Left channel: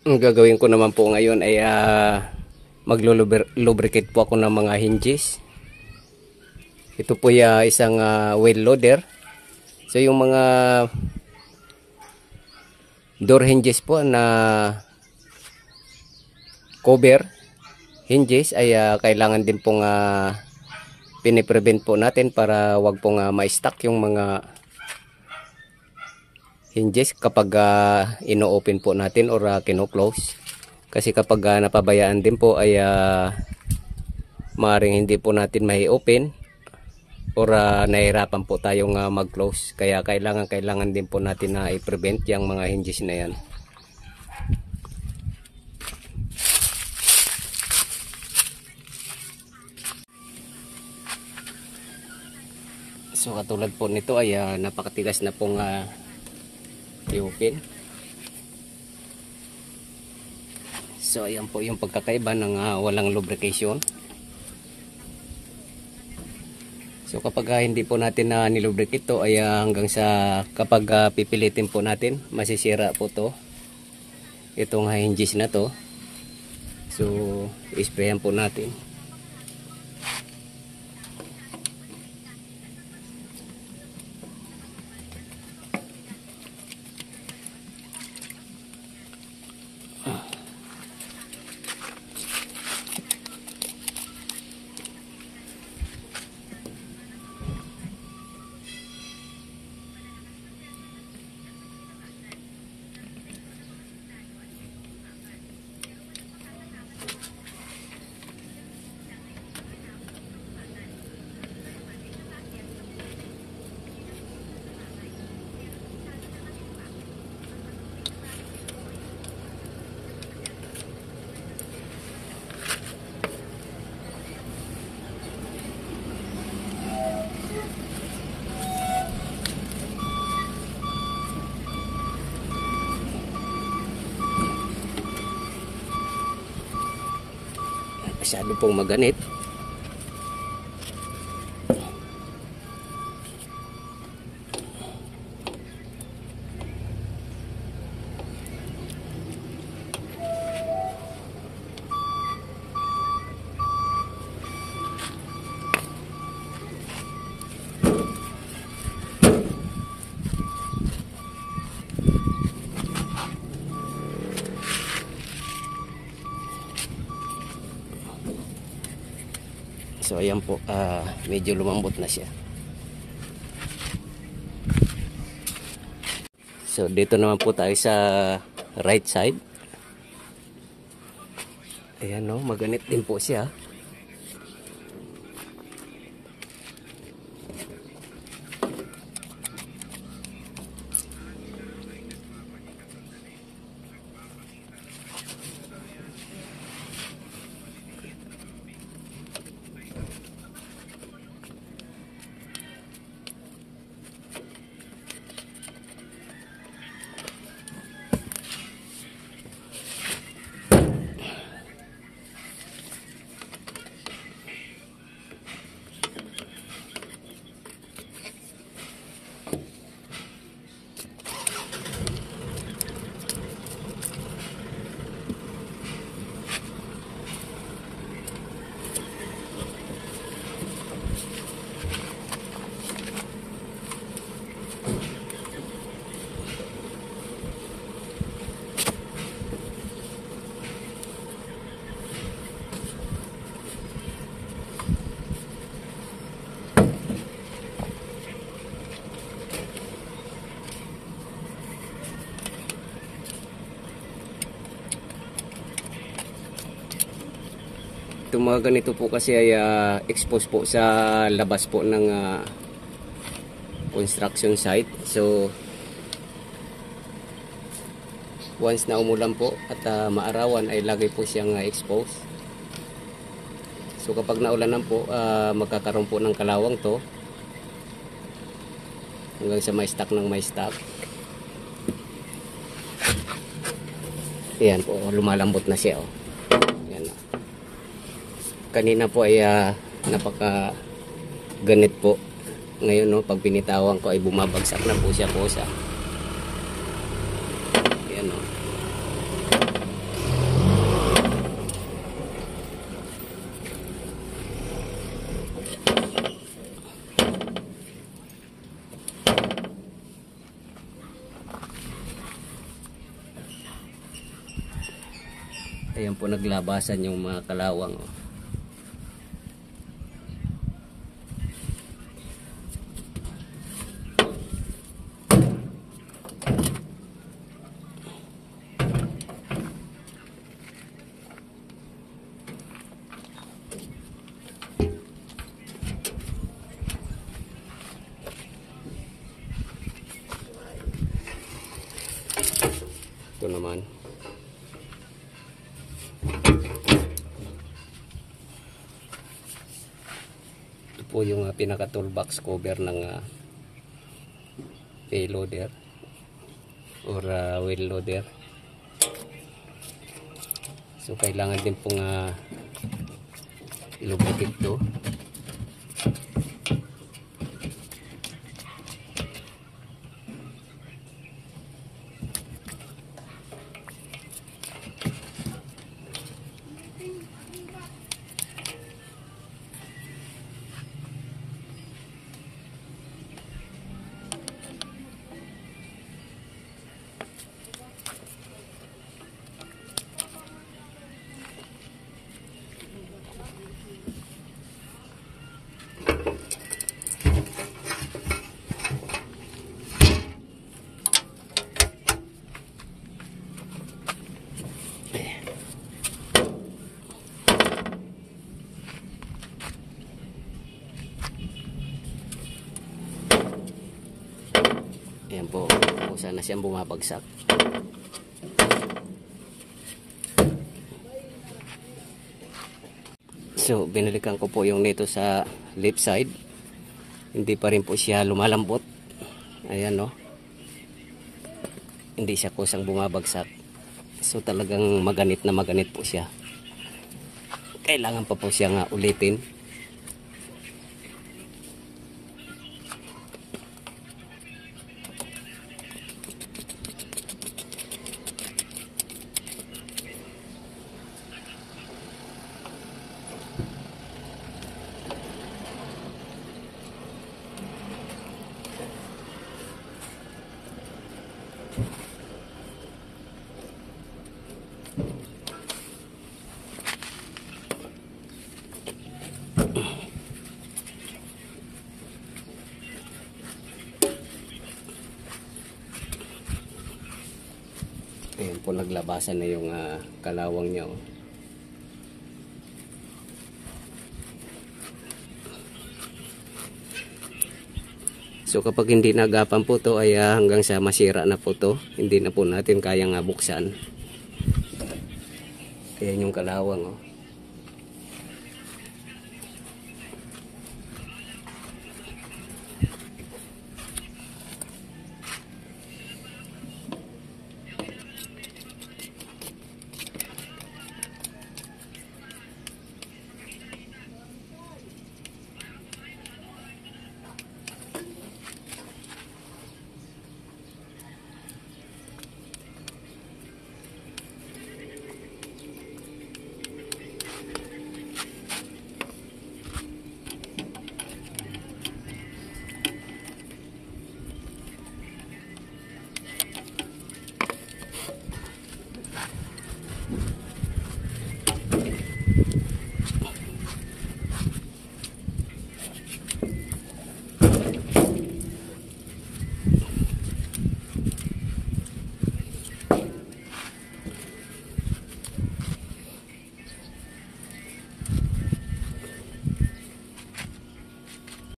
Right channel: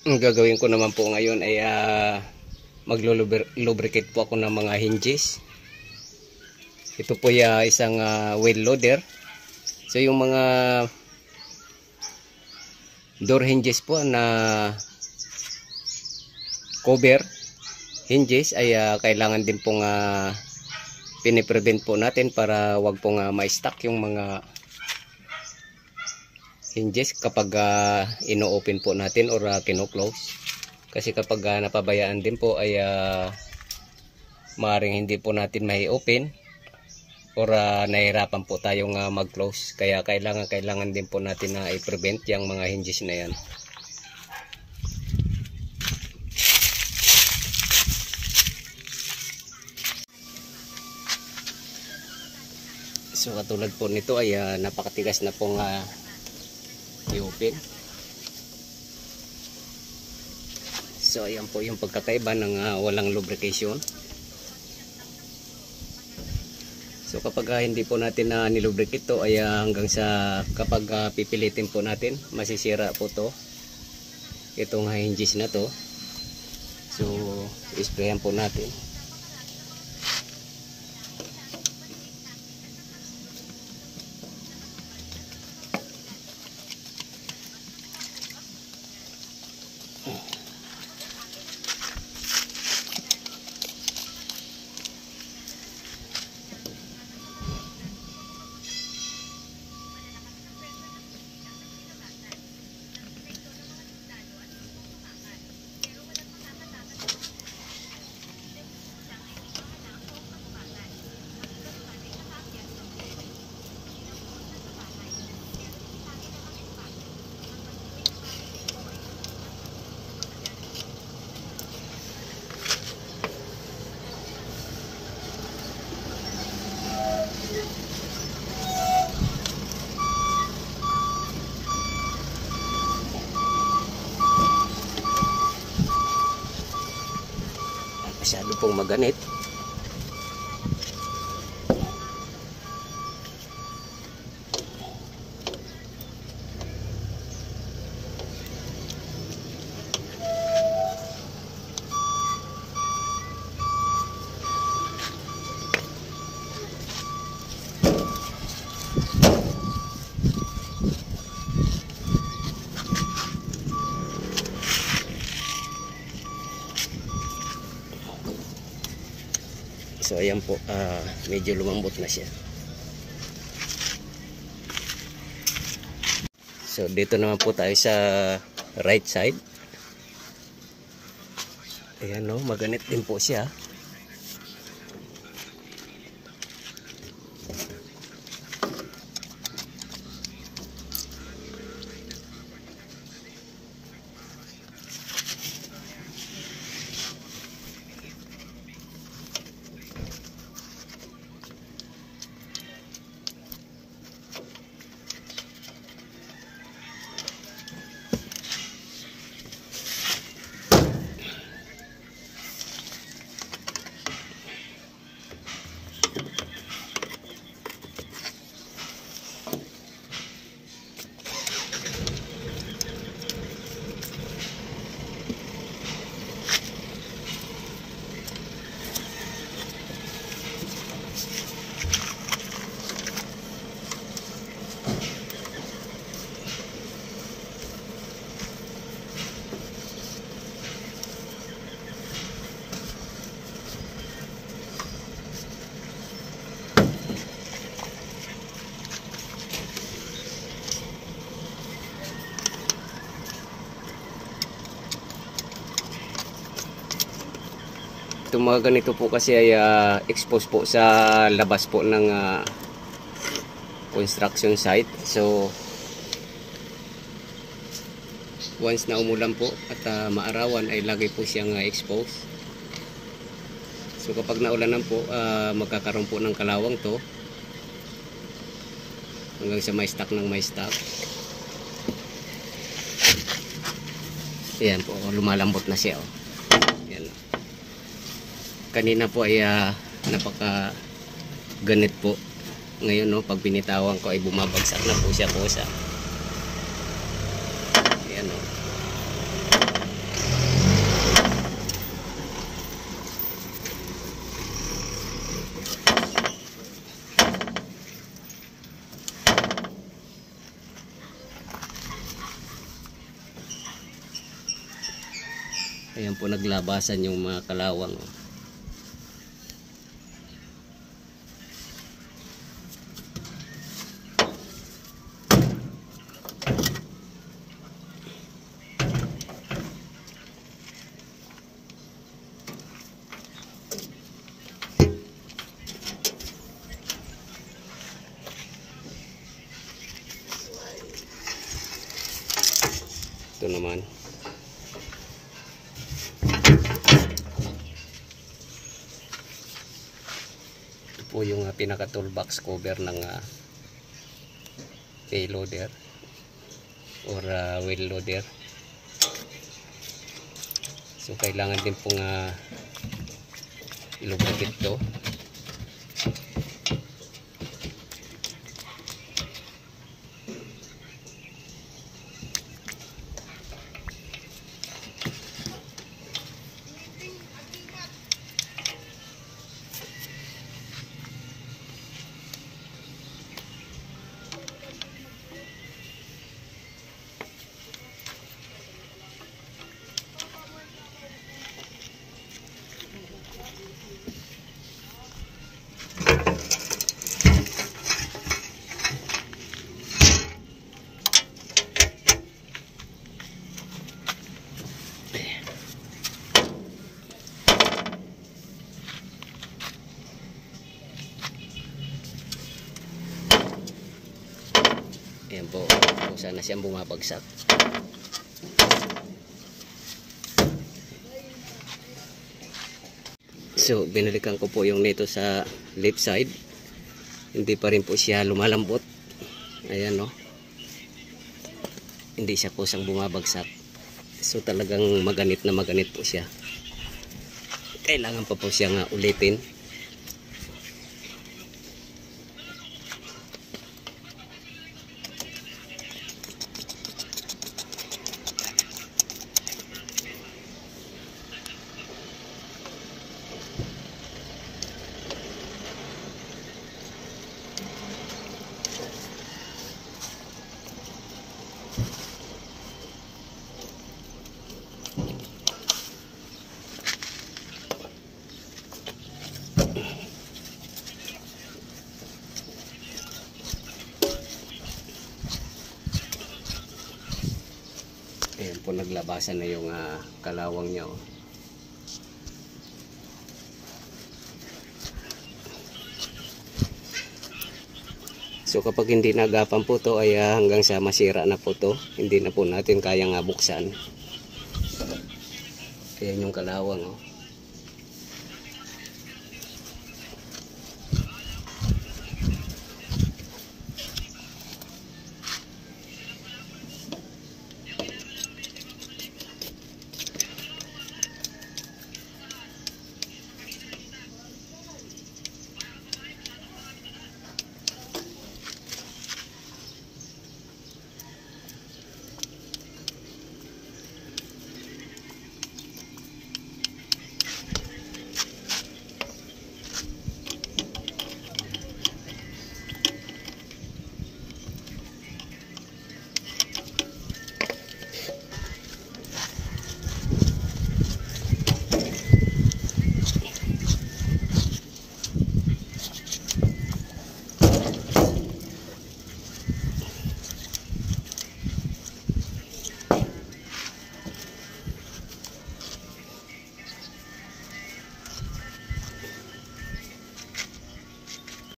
Ang gagawin ko naman po ngayon ay maglo-lubricate po ako ng mga hinges. Ito po ay isang wheel loader. So yung mga door hinges po na cover hinges ay kailangan din pong piniprevent po natin para wag pong ma-stuck yung mga hinges kapag ino-open po natin or kino-close. Kasi kapag napabayaan din po ay maaaring hindi po natin mai-open or nahihirapan po tayong mag-close. Kaya kailangan din po natin na i-prevent yung mga hinges na yan. So katulad po nito ay napakatigas na pong i-open. So ayan po yung pagkakaiba ng walang lubrication. So kapag hindi po natin nilubricate to ay hanggang sa kapag pipilitin po natin, masisira po to itong hinges na to. So isprayan po natin. Masyado pong maganit. So ayan po, medyo lumambot na siya. So dito naman po tayo sa right side. Ayan no, maganit din po siya. Itong mga ganito po kasi ay exposed po sa labas po ng construction site. So once na umulan po at maarawan ay lagi po siyang exposed. So kapag naulanan po, magkakaroon po ng kalawang to hanggang sa may stock ng may stock. Ayan po, lumalambot na siya. Ayan. Kanina po ay napaka ganit po. Ngayon no, pag binitawan ko ay bumabagsak na po siya. Ayan no. Ayan po, naglabasan yung mga kalawang. Oh. Ito naman. Ito po yung pinaka toolbox cover ng payloader or wheel loader. So kailangan din pong ilubikit ito. Ayan po, kung sana siyang bumabagsak. So, binalikan ko po yung nito sa left side. Hindi pa rin po siya lumalambot. Ayan, no. Hindi siya kusang bumabagsak. So, talagang maganit na maganit po siya. Kailangan pa po siya ulitin. Ayan po, naglabasan na yung kalawang niya. Oh. So kapag hindi nagapan po to ay hanggang sa masira na po to. Hindi na po natin kayang buksan. Ayan yung kalawang. Oh.